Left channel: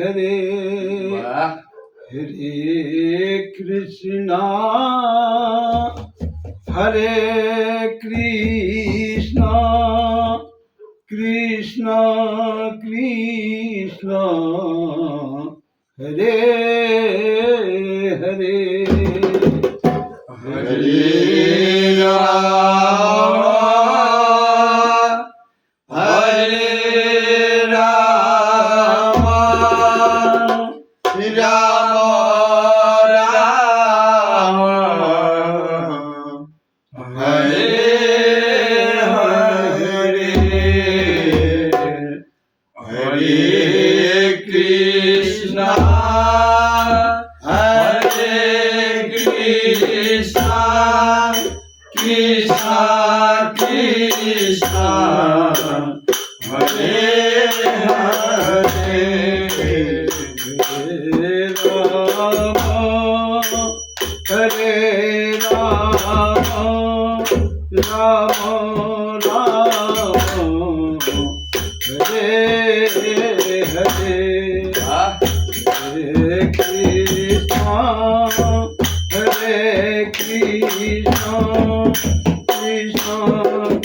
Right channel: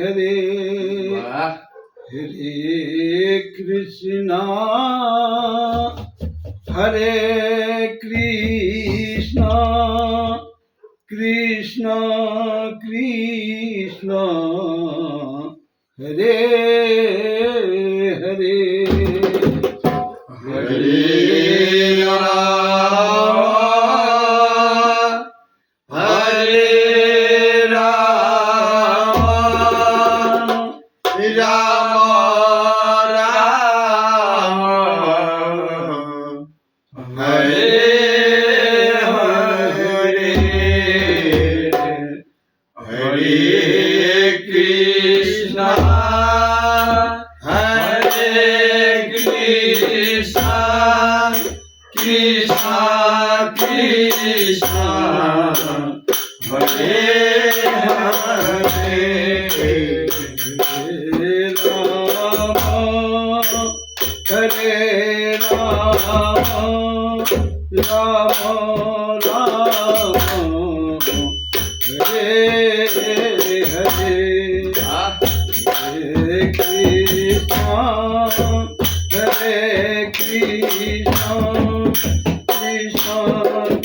हरे वाह हरे कृष्णा हरे कृष्णा कृष्णा कृष्णा हरे हरे हरे राम हरे राम राम राम हरे हरे हरे कृष्णा हरे कृष्णा कृष्णा कृष्णा हरे हरे हरे राम राम राम हरे हरे हरे कृष्णा हरे कृष्णा कृष्णा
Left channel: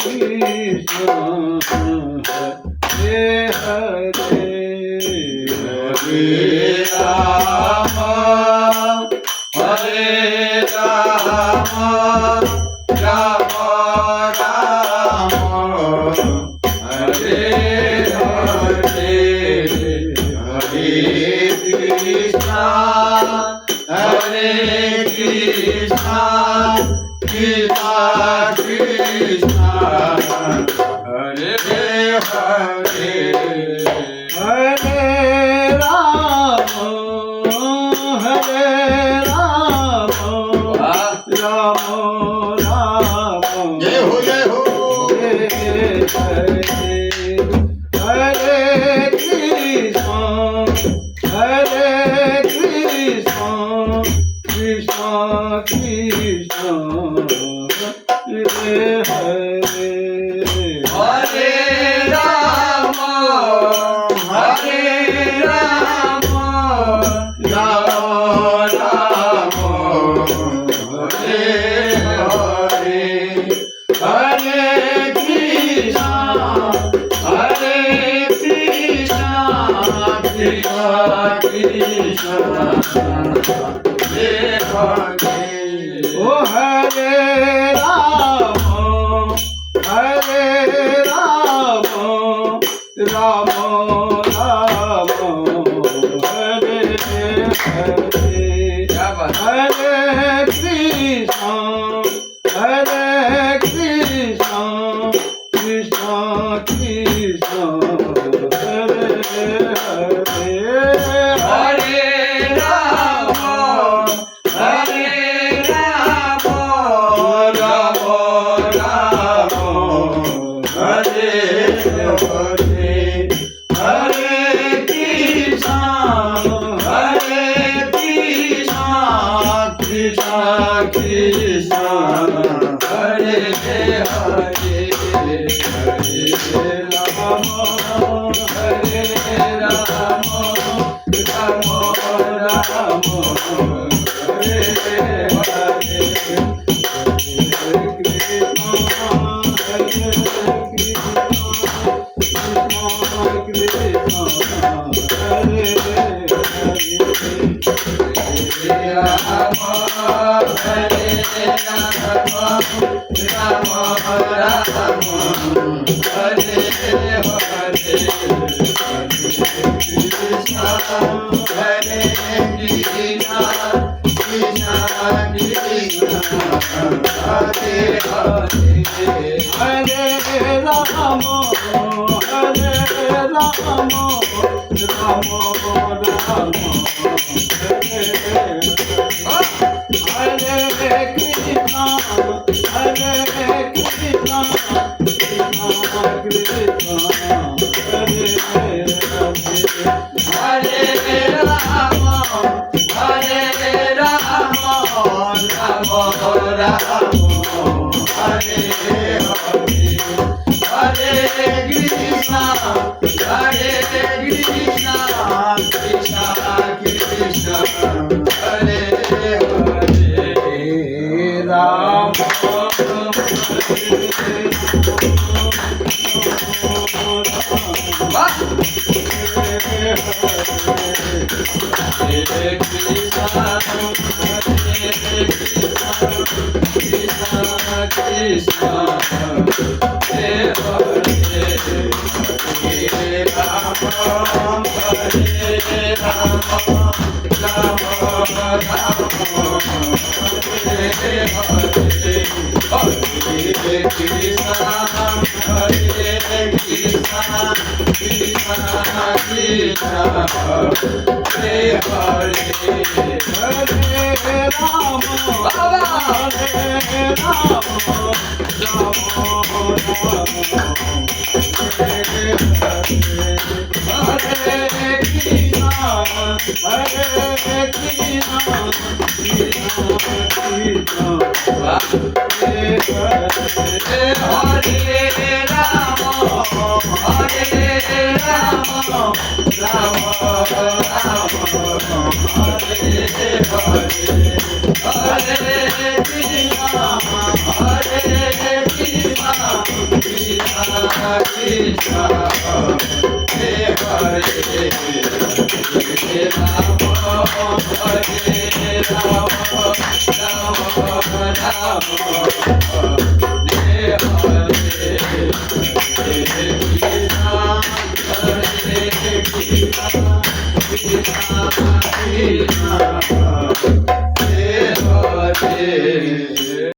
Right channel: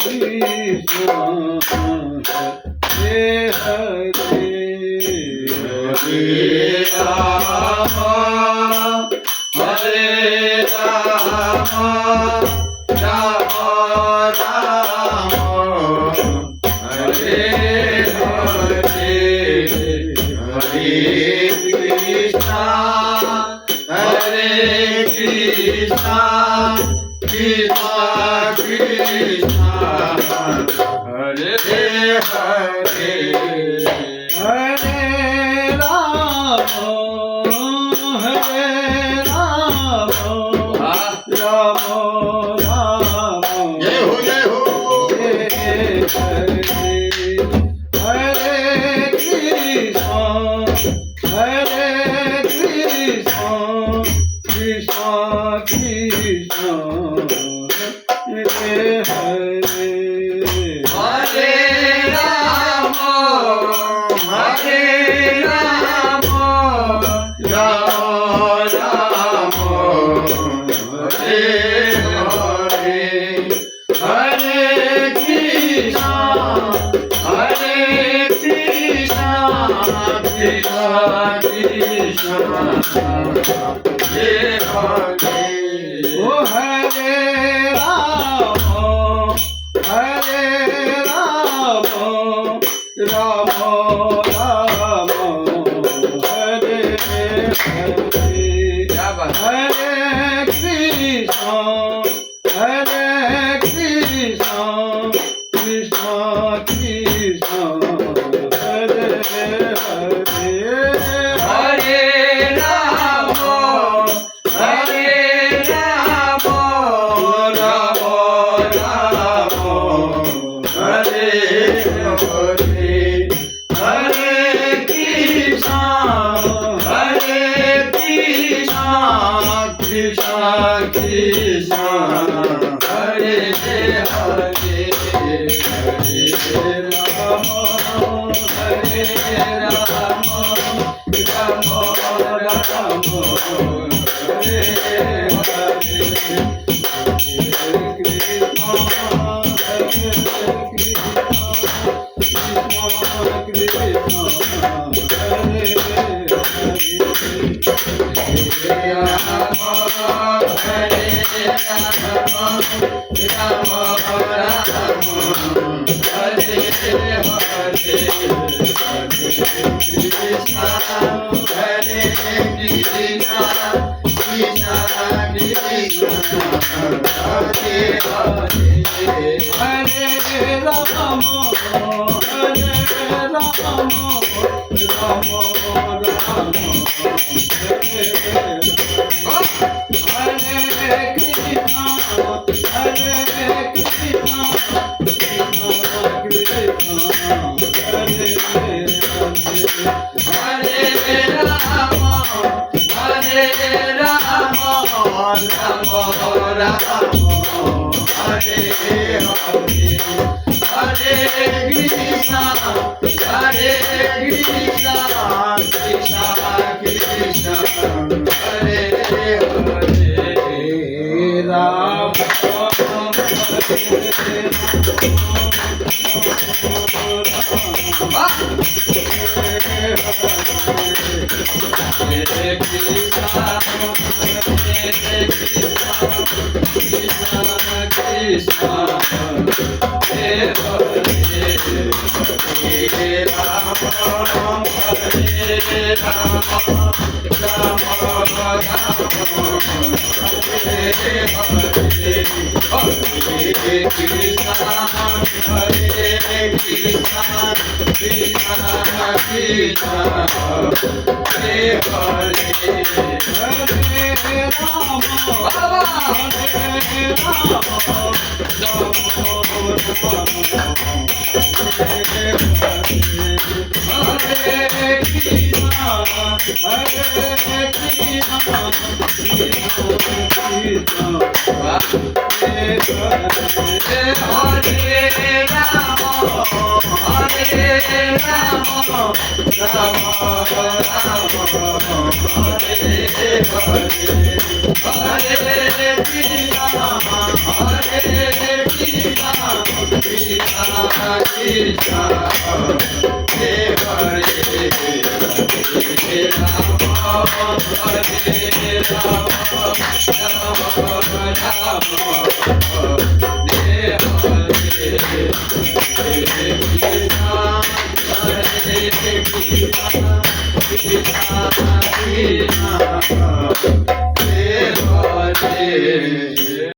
कृष्णा हरे हरे हरे राम हरे राम राम राम हरे हरे हरे कृष्णा हरे कृष्णा कृष्णा कृष्णा हरे हरे हरे राम राम राम जय हो हरे कृष्णा कृष्णा कृष्णा हरे हरे हरे राम हरे राम राम राम हरे हरे हरे कृष्णा कृष्णा कृष्णा हरे हरे ओ हरे राम राम राम हरे हरे क्या बात हरे कृष्णा कृष्णा कृष्णा कृष्णा हरे हरे हरे राम हरे राम राम राम हरे हरे हरे कृष्णा कृष्णा कृष्णा कृष्णा हरे हरे हरे राम हरे Ram Ram Ram Hare Hare Hare Krishna, Hare Hare